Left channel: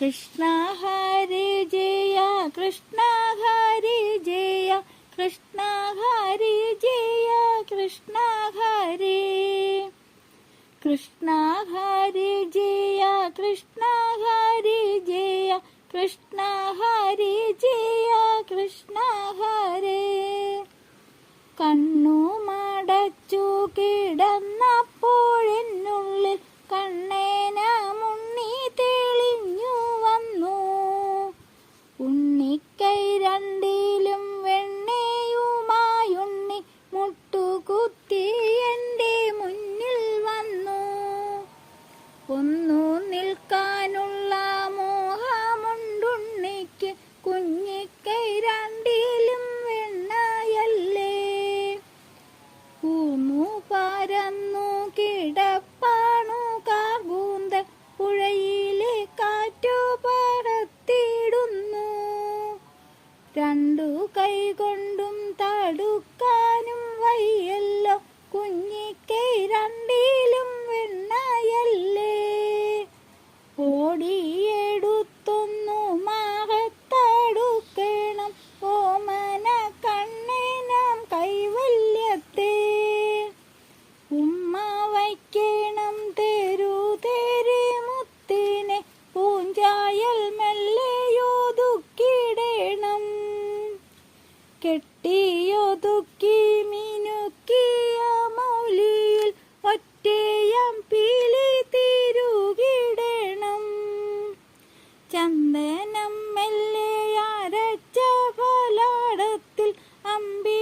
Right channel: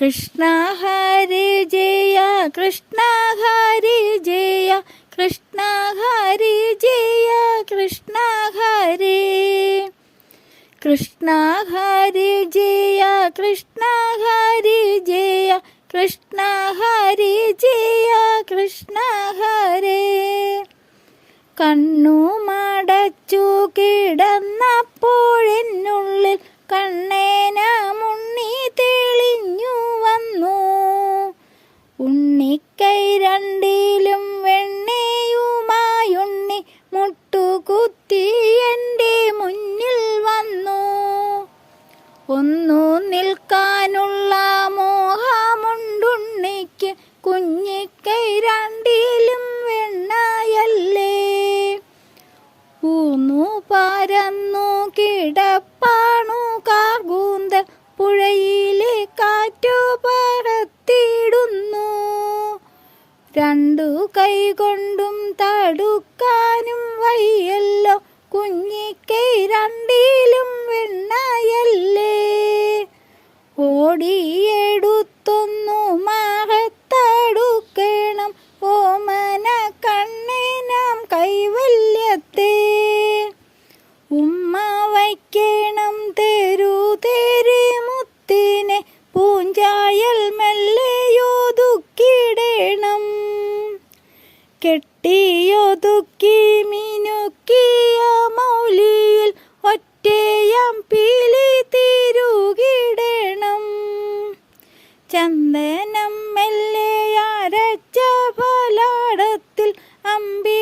കൃഷ്ണ ഹരി ജയ കൃഷ്ണ ഹരി ജയ കൃഷ്ണ ഹരി ജയ കൃഷ്ണ ഹരി കൃഷ്ണ ഹരി ജയ കൃഷ്ണ ഹരി ജയ കൃഷ്ണ ഹരി ജയ കൃഷ്ണ ഹരി കണ്ണു മടച്ചു കിടന്നപ്പോഴെന്നുള്ളിൽ കണ്ണേന മുണ്ണി തെളിഞ്ഞു വന്നു. ഉണ്ണിക്കൈ രണ്ടിലും വെണ്ണയുമായുണ്ണി മുട്ടുകുത്തി എൻ്റെ മുന്നിൽ വന്നു. ഒന്നു നിൽക്കാനുള്ള മോഹമുണ്ടുണ്ണിക്ക്, കുഞ്ഞിക്കൈ രണ്ടിലും വെണ്ണയല്ലേ. ഊന്നു പരന്നു കിടപ്പാണു കാർകൂന്തൽ, പുഴയിലെ കാറ്റു പറത്തിടുന്നു. രണ്ടു കൈ കൊണ്ടും തടുക്കാനും വയ്യല്ലോ, കുഞ്ഞിക്കൈ രണ്ടിലും വെണ്ണയല്ലേ. ഓടിയെടുത്തൊന്നു മകത്തടുക്കണം, ഓമന കണ്ണിനാം കൈവല്യത്തെ. ഉമ്മ വയ്ക്കണം തെരു തെരി മുത്തിനെ, പൂഞ്ചായൽ മെല്ലെയൊതുക്കിടണം. കെട്ടിയൊതുക്കി മിനുക്കിയ മൗലിയിൽ ഒറ്റയാം പീലി തിരുകിടണം. ചന്ദനം മെല്ലെ അരച്ച ഫലാടത്തിൽ അമ്പി